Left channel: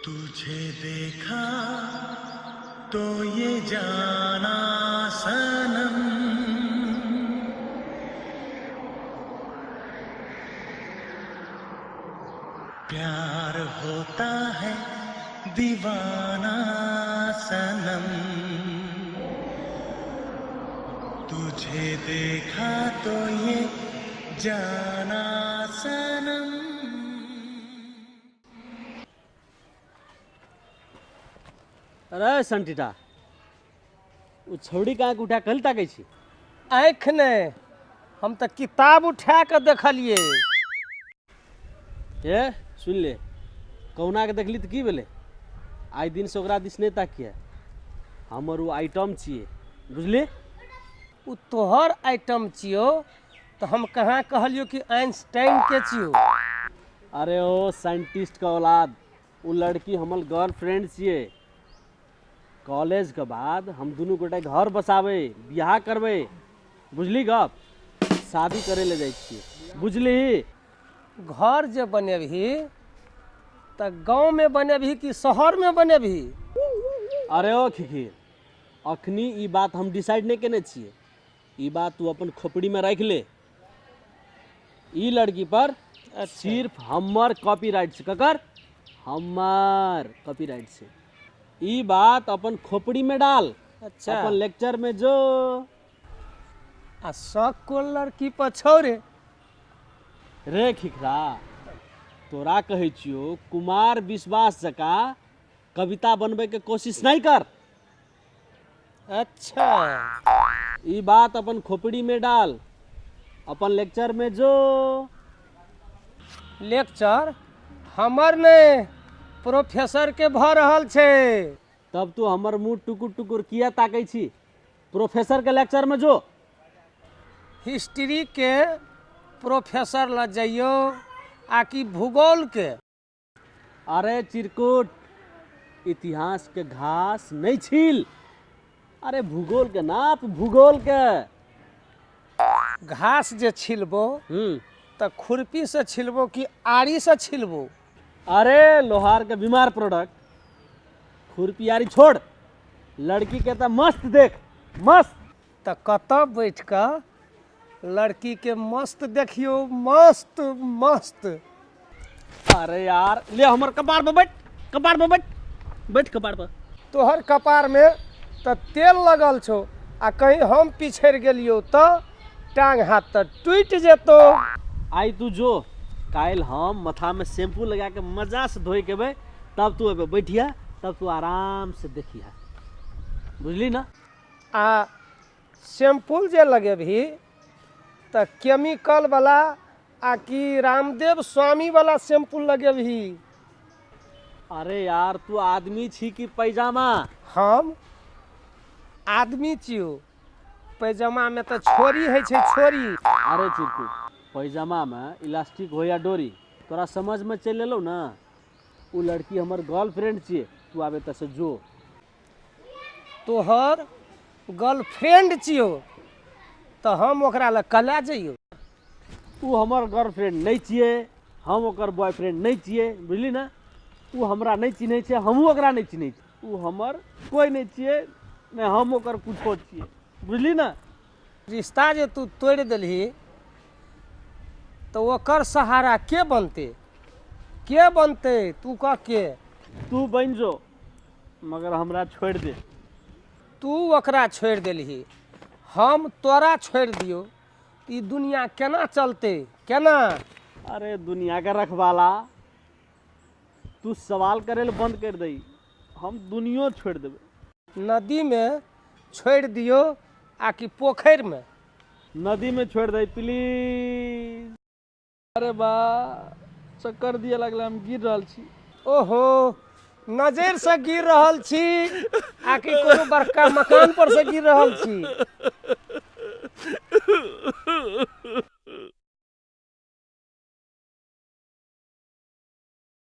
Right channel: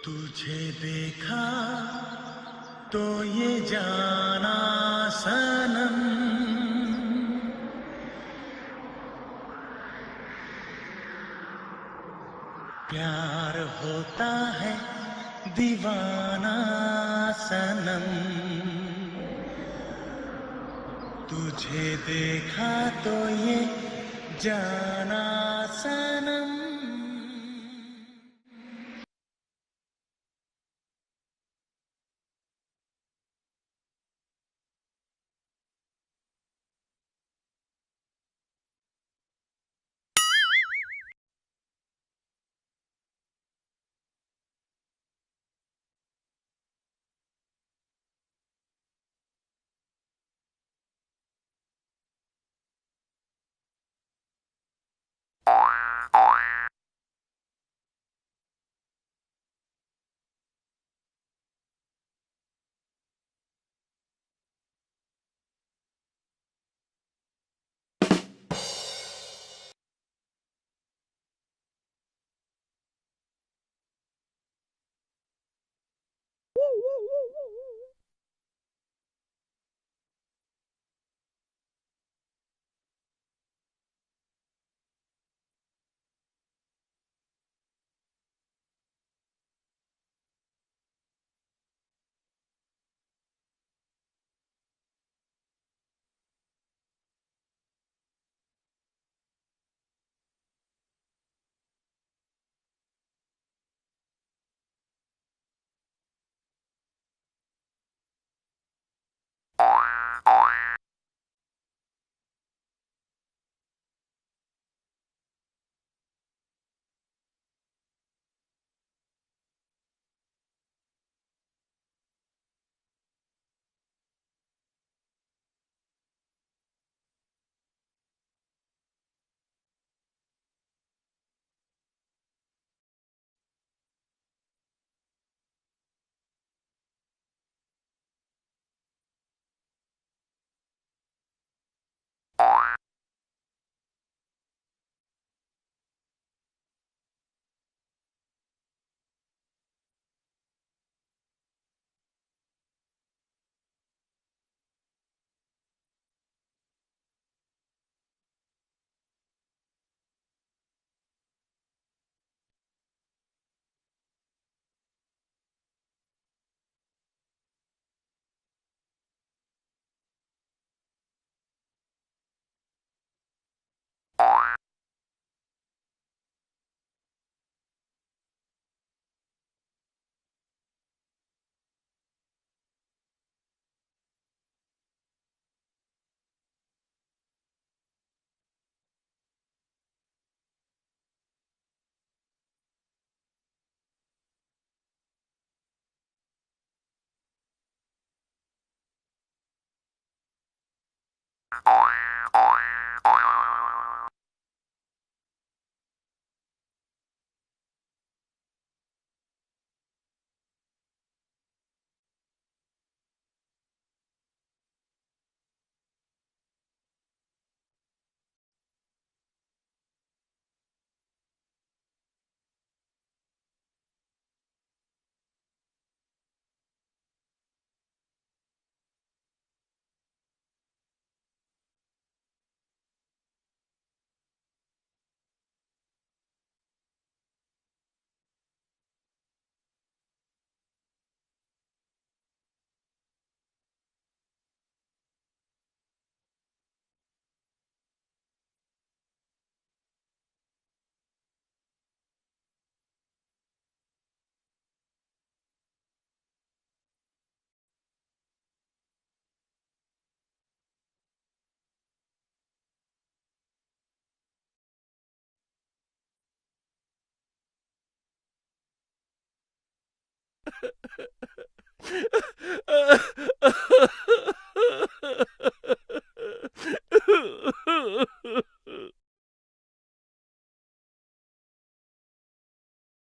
तुझे देखा तो ये जाना सनम, प्यार होता है दीवाना सनम। तुझे देखा तो ये जाना सनम। अरे संटीटा वो छौड़ी कहाँ के उठा कल ताकै छी? आँख ने हम तो किताब उठा के देखलिए। ये सुन ले, कौना के देखली तो की भेले? आइ दिन से ओकरा दिस नहीं ताकिए। हमर वो आइटम छिए, बुझली? उ तोहर आइटम छियो तो हम कहाँ कहलियो कि आइंस्टाइन के छियो। अरे ओ साइंटिस्ट का औलाद, वो लड़की हमर गर्लफ्रेंड छिए। कॉलेज के बाद हम दोनों गोटे घर बसावे, बियाह करवे, बुझली? गप शादी करे ले जाइ छिए, बुझली? घर जे बनेबही तो गांव में बनेबही कि शहर में बनेबही? अरे ओ खिखीर, अखनी ई बात हम डिसाइड नहीं केने छिए। ई बात तू अपन खोपड़ी में रख ले। ई लड़की पर सिर्फ हमर कॉपीराइट से, ककर हमर कॉपीराइट से। ई बात अपन खोपड़ी में डाल। अच्छा, अपन लेक्चर में जो आ शौक को लड़की पर छोड़े। रे खिखरा, तोरा कहै छियो कुमार विश्वास जका कविता बनबे के कोशिश नहीं कर। अच्छा, ई बात अपन खोपड़ी में डाल, अपन लेक्चर में जो। लेक्चर हमर ने प्रोफेसर के भ रहल छे। तब तू हमर मुंह टुकुर टुकुर किया ताकै छी? प्रोफेसर के लेक्चर में जो। हिस्ट्री के प्रोफेसर ल जाइयो आकि भूगोल के? अरे चिरकुट, इतिहास के घास नहीं छील। अरे भूगोल के नाप, भूगोल के। घास जे छिलबो तो खुरपी से छिलबो कि आरी से छिलबो? अरे लोहार के बीमार प्रोडक्ट, खुरपियारी छोड़। लड़की के तो मस्त देख, मस्त। तो कत बैठ कर लड़की के मस्त देखियो, मस्त मस्त। अरे यार ले हमर कपार पर बैठ, कपार पर बैठ, बैठ कपार पर। तोहर कपार में तो तेल लगल छो, आ कहीं हम पिछड़ गेलियो तो टांग हाथ तो टूट जेतो। आई तू जो, काल हम मथा में शैम्पू लगा के मजा से धोई के बे, तब तू अबे बैठिया, तब तू आराम से देखिया, बुझली ना? आ शैम्पू जे लगेबही तो केमिकल वाला आ कि रामदेव स्वामी वाला शैम्पू लगेबही? अरे यार तू आदमी छी कि पैजामा? हम आदमी छियो, पैजामा में तो छोरी है छे, छोरी। अरे चिरकू, पैजामा में इलास्टिक हो या डोरी, तोरा समझ में चल एलो ना? वो लड़की हमर गर्लफ्रेंड छिए, तू आबे तसे जो। तोहर गर्लफ्रेंड छियो तो हम ओकरा ल कला जइयो। तू हमर गर्लफ्रेंड नहीं छिए, हम ओकर बॉयफ्रेंड नहीं छिए, बुझली ना? वो हमरा नहीं चिन्हे छे, हमहू ओकरा नहीं चिन्हे छे। वो हमर कोई नहीं छिए, ने हम ओकर कुछो छिए, बुझली ना? रिश्ता जे तू तोड़ देलही तो ओकर सहारा के बनते? के बनते? तू कह के? तू बन जो, मगर हमरा छोड़ दे। तू ओकरा छोड़ देलही, हम तोरा छोड़ दियो, ई दुनिया केना चलते? केना? अरे दुनिया का रखवाला, तू सवाल करे ले बंद कर दई, हम दुनिया छोड़ देबे। नदी में छोड़ दियो आ कि पोखर में? नदी में छोड़ दई प्लीज। अरे बा चक्कर दिए लगला, हम गिर रहल छी। ओहो, नजर से गिर रहल छी आ कि कोनो बड़का मकान पर से गिर रहल छी?